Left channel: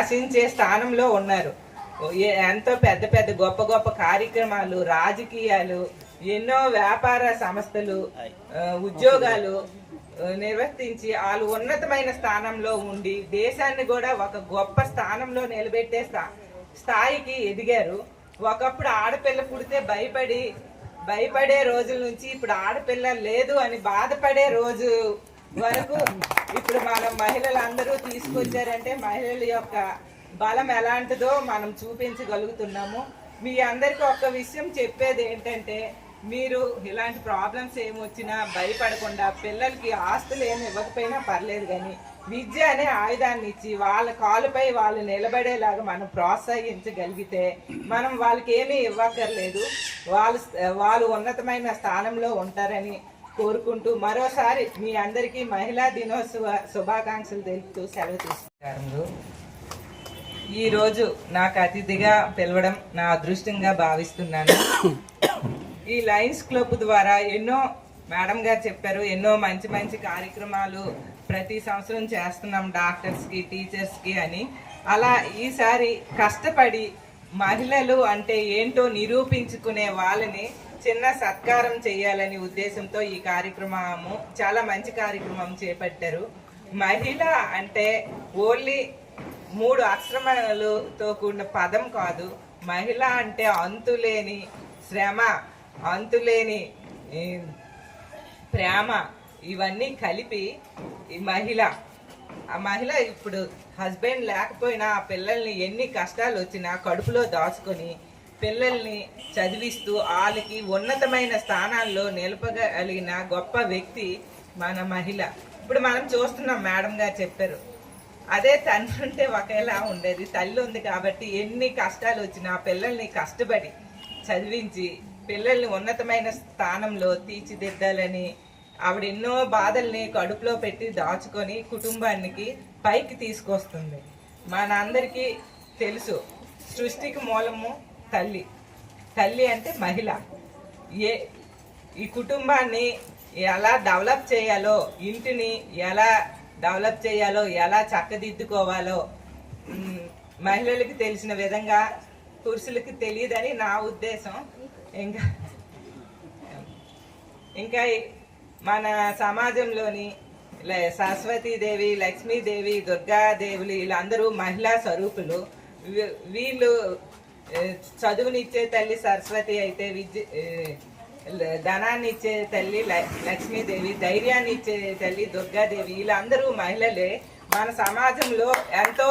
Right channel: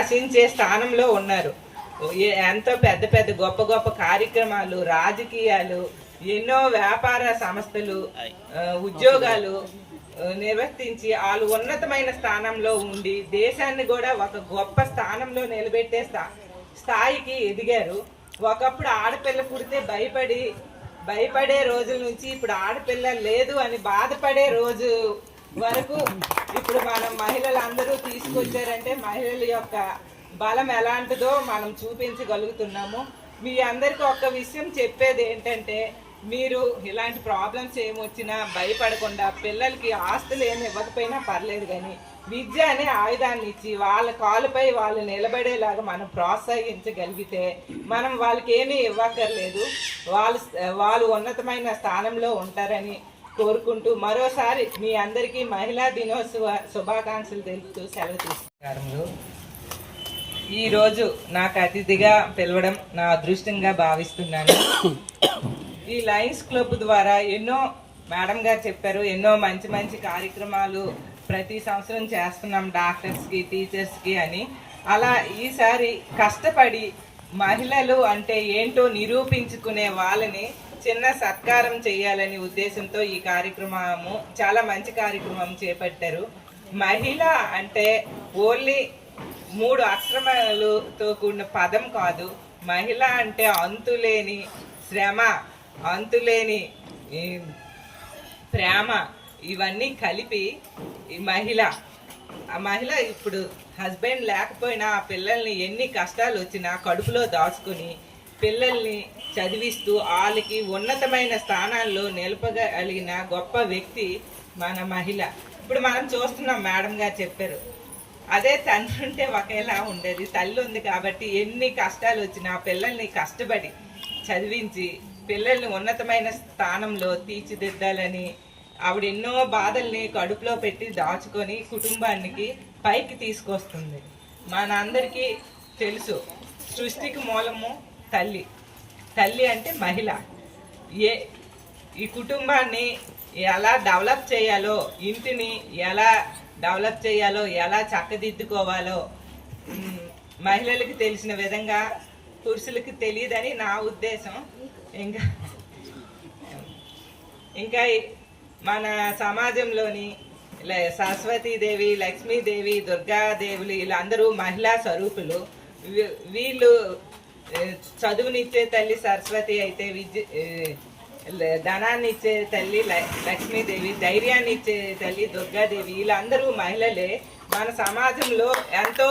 శాసించే స్థానంలో ఉన్నారు. ఎంతో పెద్ద పెద్ద గొప్ప గొప్ప కార్యక్రమాలు, రాజకీయాలు, ఎన్నో వ్యాపార సంస్థలు, ఉద్యోగాలు నిర్వర్తించి వాళ్ళు ఉన్నతమైన స్థానంలో ఉండి దేశాన్ని కూడా ఒక గొప్ప స్థానంలో నిలబెట్టే స్థాయికి ఎదిగారు. ఒకప్పుడు ఆడపిల్ల పుడితే భయపడే రోజుల నుంచి ఇప్పుడు ఆడపిల్ల లేదు అని బాధపడే రోజు వరకు ఇప్పుడు మనం మహిళలందరూ తీసుకొచ్చారంటే మహిళల యొక్క బలం ఎలాంటిదో మనం చూపించగలుగుతున్నాము. మీ అందరికీ ఒక విషయం చెప్పేది ఏంటంటే, మీరు ఇలాంటి ప్రాబ్లమ్స్ ఏమొచ్చినా భయపడకుండా పిల్లలకి ఆస్తులు ఏమి ఇవ్వకపోయినా పర్లేదు, కానీ విద్య అనే ఆయుధాన్ని ఇచ్చి వాళ్ళ కాలుపై వాళ్ళు నిలబడేలాగా మనం ప్రోత్సహించగలిగితే మనం వాళ్ళకి ఏమీ ఇవ్వక్కర్లేదు, వాళ్ళు ఉన్నతమైన స్థానంలో ఉంటారని కోరుకుంటూ మరోసారి మీ అందరికీ మహిళా దినోత్సవ శుభాకాంక్షలు తెలుపుతూ సెలవు తీసుకుంటారు. ఈరోజు నాకు అతిథిగా పిలవడం నా అదృష్టంగా భావిస్తున్నాను. ఈ లయన్స్ క్లబ్ ద్వారా ఎన్నో, మేడం గారు చెప్పారు, ఎన్నో మంచి మంచి కార్యక్రమాలు ప్రతి సంవత్సరం చేస్తున్నాం డాక్టర్స్కి, టీచర్స్కి అని. అలా ఈసారి కష్టపడి మహిళలు అంటే ఏంటో నిరూపించుకునే వాళ్ళని చిన్న సత్కారం చేయాలని ఉద్దేశంతో ఈ కార్యక్రమము చాలా మంచి కార్యక్రమం చేపట్టారు. మహిళ అంటే ఓన్లీ 3 అక్షరములతో కూడిన పదం కాదు. మహిళ అంటే అంతులేని శ్రమ, అంతులేని ప్రేమ, ఇవన్నీ కలిపి ఈ మహిళ. ఆ మహిళ ఇప్పుడు హస్బెండ్ లేకపోయినా ఆ పిల్లల్ని ఎన్ని కష్టాలు వచ్చినా కడుపులో దాచుకొని పిల్లల్ని చదివిస్తూ వాళ్ళకి ఉన్నతమైన స్థానాల్లో నిలపగలిగిన గొప్ప వ్యక్తి మన మహిళ. ఇప్పుడు మనం చూస్తున్నాం, మేడం గారు చెప్పారు, అదే తండ్రి ఉంటే ఒకేలా ఉండేది. తల్లి ఉంది కాబట్టి ఎన్ని కష్టాలు వచ్చినా పిల్లల్ని కష్టపడి చదివించి పిల్లల్ని ఉన్నతమైన స్థానంలో తీర్చిదిద్దాలని ఆవిడ ఎన్నో బాధల్ని కడుపులో పెట్టి దాచుకొని కుటుంబానికి పైకి తీసుకొస్తుంది. మనందరికీ తెలుసు, సృష్టికి మూలము తల్లి. తల్లి అంటే మహిళ. ఈ కుటుంబాన్ని ఎలా డెవలప్ చేయాలో, ఇంటిని ఎలా డెవలప్ చేయాలో, ఎలా చక్కదిద్దుకోవాలో మహిళలకి తెలిసిన విధంగా పురుషులకి తెలియదని నా ఉద్దేశం. ఇంకా మన సమాజంలోని సరస్వతీదేవి, లక్ష్మీదేవి, దుర్గాదేవులు వీళ్ళందరూ మహిళా స్వరూపులు. వీళ్ళు చదువునిచ్చే తల్లి సరస్వతి అయితే, ధనాన్ని ఇచ్చే తల్లి లక్ష్మీదేవి, ధైర్యాన్ని ఇచ్చే తల్లి దుర్గాదేవి, వీళ్ళందరూ మహిళలే. మన సమాజంలో ఎంతో